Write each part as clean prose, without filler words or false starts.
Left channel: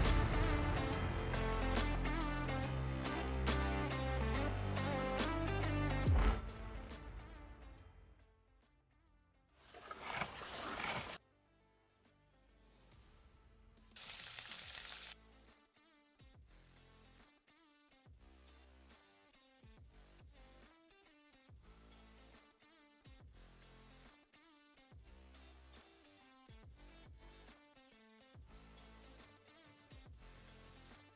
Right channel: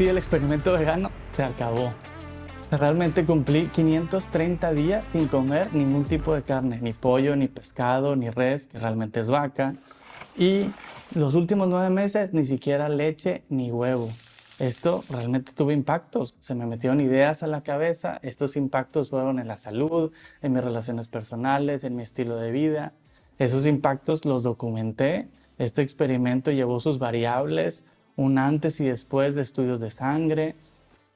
sí, el experimento vegano se acabó. Realmente cumplí 530 días sin comer ningún tipo de carne, ni pollo, ni pescado, ni res, que realmente es vaca. Y los últimos 9 meses ni siquiera leche ni huevo. Esto realmente tuvo impactos, se me metieron ideas a la cabeza, estos impactos fueron en la salud, en mis relaciones personales, en mi estilo de vida. Esos impactos los documenté, este experimento llevó sus variables, un antes y después de estudios de sangre,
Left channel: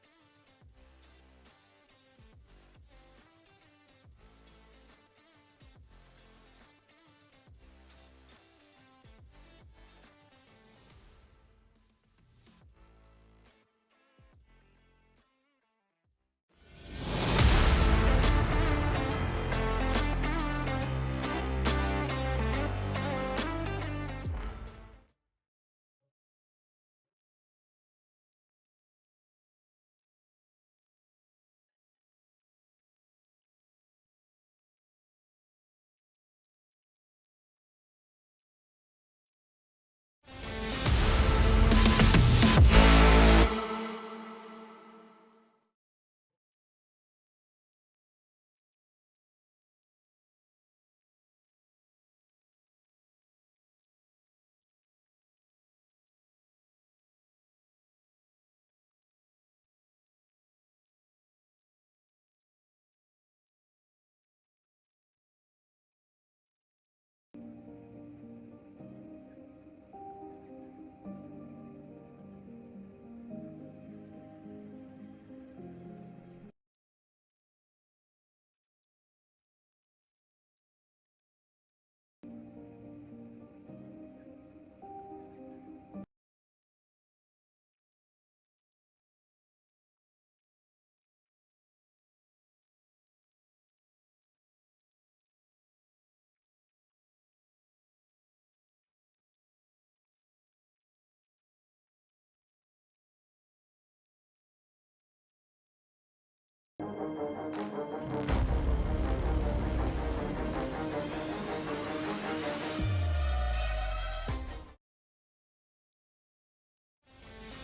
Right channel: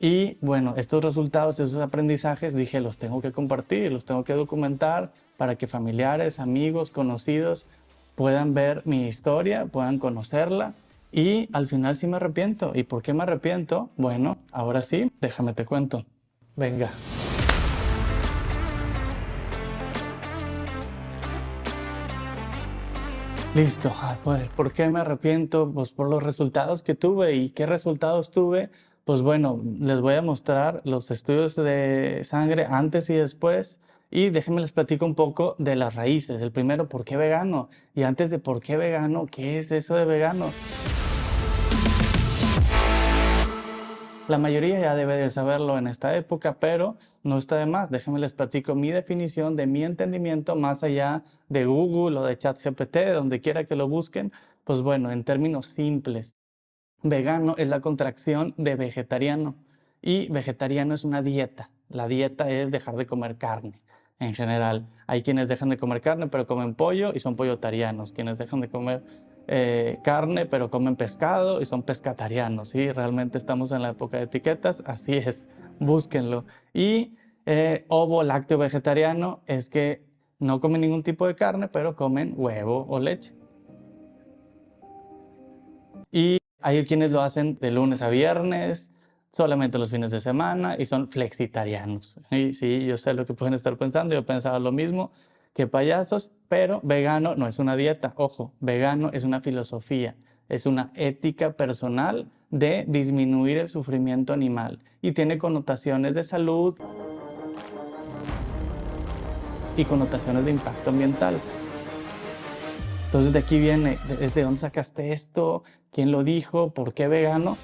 y bueno, estos resultados, esos aprendizajes, dije, los tengo que compartir, los tengo que documentar para que familiares, amigos, conocidos puedan ver mi historia, puedan conocerla. Y al final sí me arrepiento. ¿Y por qué me arrepiento? Bueno, ahora sí, déjame te cuento. Venga. Listo. Pues, ¿por qué me arrepiento? Pues por los resultados que tuve. ¿Y qué resultados tuve? Pues bueno, les voy a mostrar los estudios de sangre antes y después. Y déjenme les platico un poco de las raíces. El primero, ¿por qué vegano? Y antes de por qué vegano, ¿qué es eso de vegano? La mayoría ya debe de saberlo en esta época, pero no está de más. Déjenme les platico mi definición de mi entendimiento más allá de Google o de ChatGPT, de donde quiera que lo busquen. Pues bueno, en términos simples, vegano es la contracción de vegetariano y vegetariano es una dieta. La dieta es dejar de comer carne en general. Hay quienes dejan de comer carne pero comen pollo y son pollotarianos. Quienes dejan de comer carne pero comen pescado y son pescatarianos. ¿Sí? Realmente estamos en la época de etiquetas, así es, búsquenlo. Y ovo lácteo vegetariano es que no comen ningún tipo de carne pero comen huevo o leche. Y hay quienes lo hacen de lunes a viernes, solamente los fines de semana y son flexitarianos. Y sí, yo sé lo que pueden estar pensando, yo pensaba lo mismo, que payasos, pero vegano no es una dieta, ojo, vegano es una filosofía, es una ética personal de disminuir el sufrimiento animal y tiene connotaciones de salud y connotaciones de impacto ambiental. Entonces de aquí viene, ¿de dónde sacaste esto? ¿Quién lo dijo? ¿Por qué vegano?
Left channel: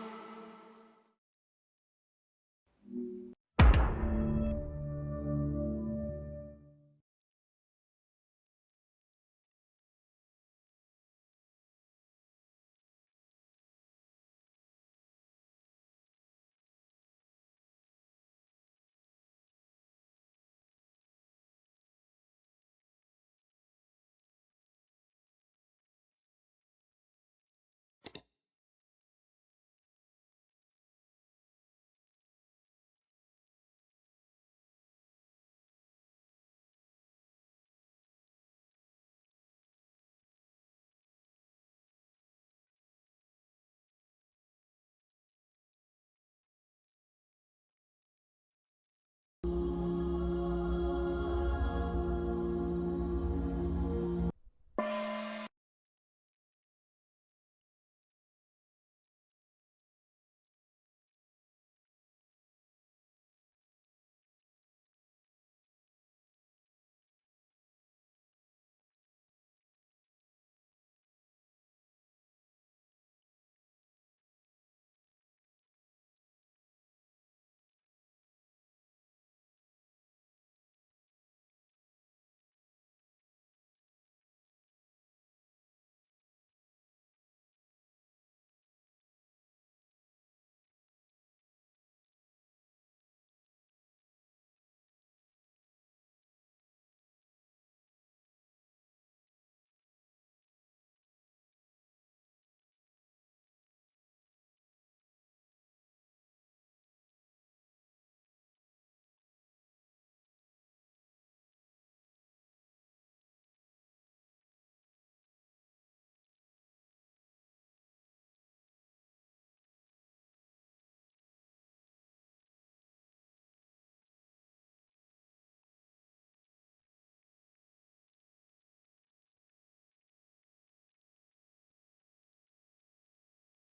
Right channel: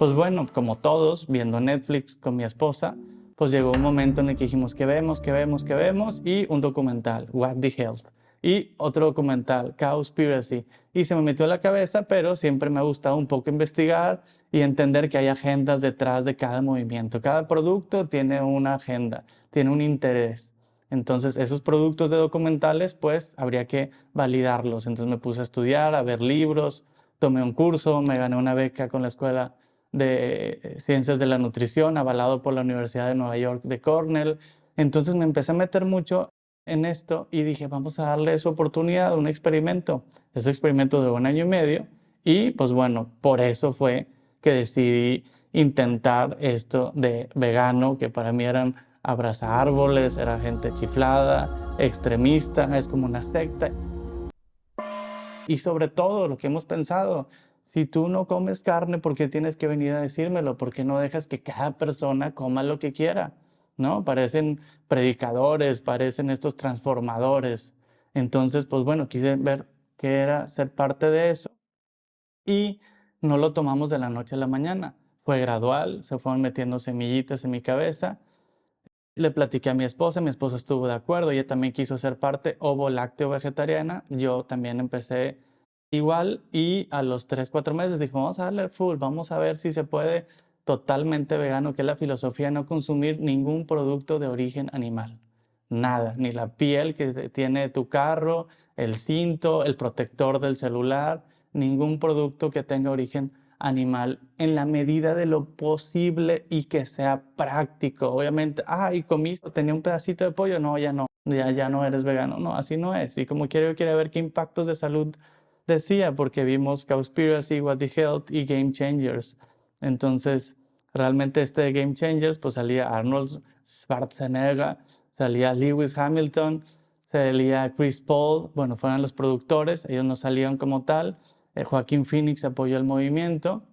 Pues bueno, como todos, viendo Netflix con mi esposa, pues llegó un momento en el que dijimos, ¿qué vemos? ¿Qué vemos? ¿Qué vemos? Y un documental, What the Health. Y otro documental, Cowspiracy. Y se me metió en la cabeza, pero siempre me ha gustado un poco investigar y entender que hay agendas detrás de cada movimiento. Cada producto tiene una agenda, tiene un interés. Entonces, esos productos de documentales, pues habría que validarlos. Entonces me puse a estudiar, a ver libros, tomé un curso, me gané una beca con la escuela de Ciencias de la Nutrición, avalado por la Universidad de Nueva York de Cornell. Entonces me empecé a meter mucho en esto y dije, vamos a darle su oportunidad, un experimento. Ese experimento de 1 año y medio y pues bueno, por eso fue que decidí intentar esto de vegano, que para mí eran abrazar árboles, era gente chiflada, extremista, es como una secta. Y sobre todo, lo que hemos pensado, si tú no comes carne, ¿por qué tienes que venir a decírmelo? ¿Por qué no dejas que cada persona coma lo que quiera? ¿No? Parecen predicadores, parecen estos transformadores. Entonces, pues bueno, quise ver qué era ser parte de eso y no lo tomamos de la noche a la mañana. Fue gradual, se fueron metiendo semillitas en mi cabeza. Le platiqué a mi esposa estuvo de acuerdo, ella también quiso ser parte ovo lácteo vegetariana, yo también empecé igual y a los 3, 4 meses dije, vamos a darle full, vamos a ver si se puede totalmente vegano, que es la filosofía no consumir ningún producto de origen animal. Nada, ni la piel que tiene tu carro, el cinto, el protector del celular, ningún producto que tenga origen animal en la medida de lo posible y que sea práctico. Obviamente, y comiste, tenía un pedacito de pollo, no, ya no, ya no eres vegano, no, así no es. Y como quiero ver qué impactos de salud decía, porque vimos Cowspiracy, What the Health y Game Changers. Entonces, realmente este de Game Changers, pues salía Arnold Schwarzenegger, salía Lewis Hamilton, salía Chris Paul, bueno, fueron los productores, ellos no salían como tal. Joaquín Phoenix apoyó el movimiento.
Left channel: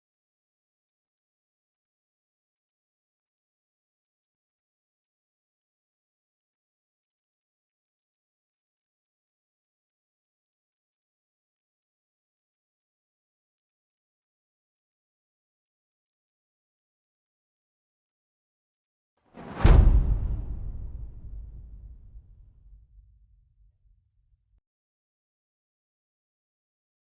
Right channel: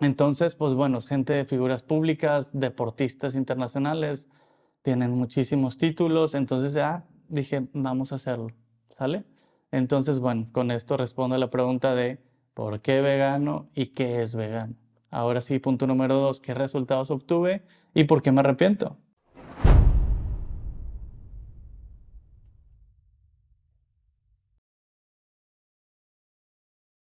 Entonces, pues bueno, gente de figuras públicas, deportistas internacionales, tienen muchísimos títulos. Entonces, dije, vamos a hacerlo, ¿sale? Entonces, bueno, con esto respondo a la pregunta de ¿Por qué vegano y qué es vegano? Ahora sí, punto número 2, ¿qué resultados obtuve y por qué me arrepiento?